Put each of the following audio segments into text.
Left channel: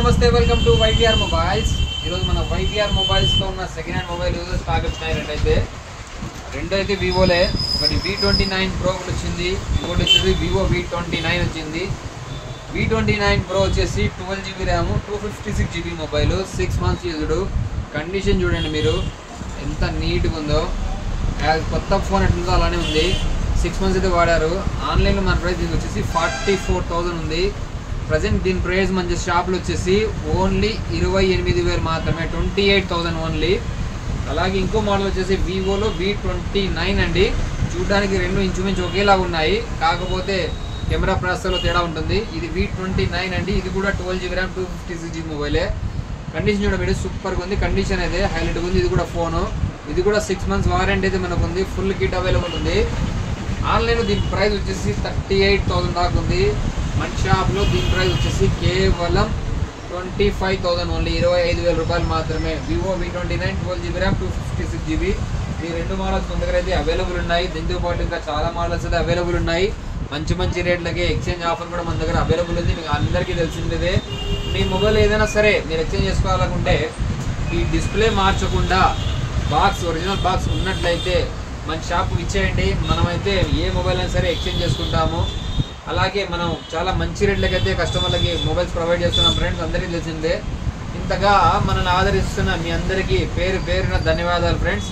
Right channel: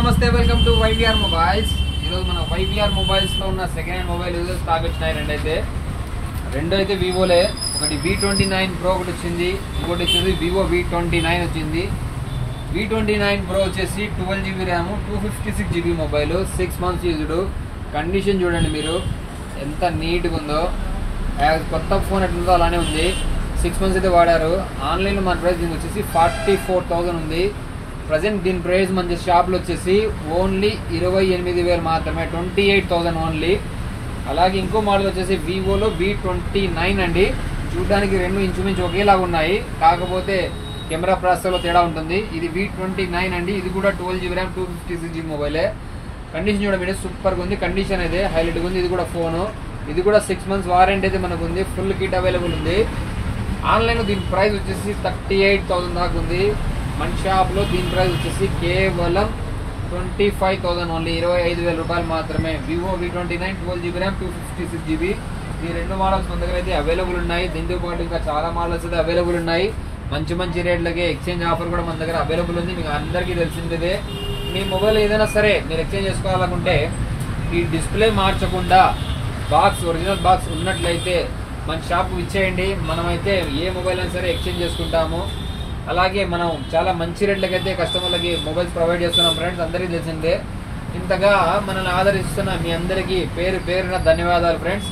నమస్తే welcome to YVR mobiles. ఈరోజు మన వైవిఆర్ మొబైల్స్లో ఉన్న second hand mobile user stock వచ్చినాయి। రెండు అయితే వివోలే, ఒకటి V29 Pro ఒకటి వచ్చింది, ఇంకోటి వచ్చేసి వివో V29 వచ్చింది। V29 Pro వచ్చేసి 12GB RAM, 256GB mobile, 6 months used. Condition చూడండి మీరు ఎంత నీట్గా ఉందో, కొత్త ఫోన్ ఎట్లుందో అలానే ఉంది। 6 months అయితే వాడారు। ఆన్లైన్లో మన ప్రైస్ దీనికి వచ్చేసి 44,000 ఉంది। ప్రజెంట్ దీని ప్రైస్ మన షాప్లో వచ్చేసి ఓన్లీ 28,000 మాత్రమే, 28,000 ఓన్లీ। అలాగే ఇంకో మోడల్ వచ్చేసి వివోలో V29 అండి। చూడడానికి రెండు ఇంచుమించు ఒకేలాగా ఉన్నాయి, కాకపోతే కెమెరా ప్రాసెసర్లో తేడా ఉంటుంది। ఇది V29 అండి, ఇది కూడా 12GB ర్యామ్, 256GB మొబైలే। కండిషన్ చూడ మీరు సూపర్గా ఉంది, కండిషన్ అయితే హైలైట్గా ఉంది। ఇది కూడా ఫోను, ఇది కూడా 6 months వారంటీ అయితే మనకు ఉంది, ఫుల్ కిట్ అవైలబుల్ ఉంది। ఆన్లైన్లో దీని ప్రైస్ వచ్చేసి 38,000 దాకా ఉంది। మన షాప్లో దీని ప్రైస్ వచ్చేసి కేవలం 25,000 ఓన్లీ, 25,000 రూపాయలు మాత్రమే। Vivo V29 12GB RAM, 256GB, ఈ రెండు మోడల్స్ మన దగ్గర అయితే అవైలబుల్ ఉన్నాయి। దీంతో పాటు ఇంకా చాలా మోడల్స్ అయితే అవైలబుల్ ఉన్నాయి, మంచి మంచి రేట్లకి। ఎక్స్చేంజ్ ఆఫర్ కూడా మన దగ్గర అవైలబుల్ ఉంది, మీకు అందరికీ తెలిసిందే। మీ మొబైల్ ఏదైనా సరే మీరు ఎక్స్చేంజ్ చేసుకోవాలనుకుంటే ఈ డిస్ప్లే మార్చకుండా బాక్స్, ఒరిజినల్ బాక్స్ ఉన్నట్లయితే మన షాప్కి ఇచ్చేయండి, మనమైతే ఏ మొబైల్ అయినా సరే ఎక్స్చేంజ్ చేసుకుంటాము। అలాగే మనం చాలా మంచి రేట్లకి అయితే కస్టమర్లకి మొబైల్స్ ప్రొవైడ్ చేస్తున్నాం ఫ్రెండ్స్, అందరికీ తెలిసిందే। ఇంతగా మనల్ని ఆదరిస్తున్న మీ అందరికీ పేరు పేరున ధన్యవాదాలు ఫ్రెండ్స్।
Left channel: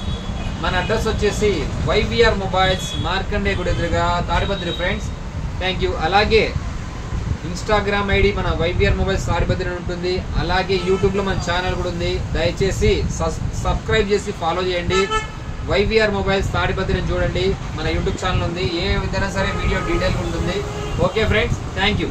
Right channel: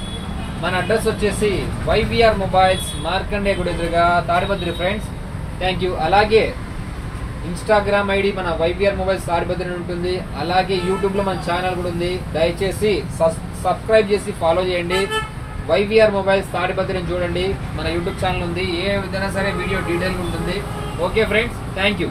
మన అడ్రస్ వచ్చేసి వైవిఆర్ మొబైల్స్, మార్కండే గుడి ఎదురుగా, తాడిపత్రి ఫ్రెండ్స్, థ్యాంక్ యూ। అలాగే ఇన్స్టాగ్రామ్ ఐడి మన వైవిఆర్ మొబైల్స్ తాడిపత్రి ఉంటుంది, అలాగే యూట్యూబ్లో మన ఛానల్ కూడా ఉంది, దయచేసి సబ్స్క్రైబ్ చేసి ఫాలో చేయండి। వైవిఆర్ మొబైల్స్ తాడిపత్రిని చూడండి, మన యూట్యూబ్ ఛానల్ ఉంది, ఏ విధంగా సరే వీడియో డీటెయిల్ ఉంటుంది। Okay friends, thank you.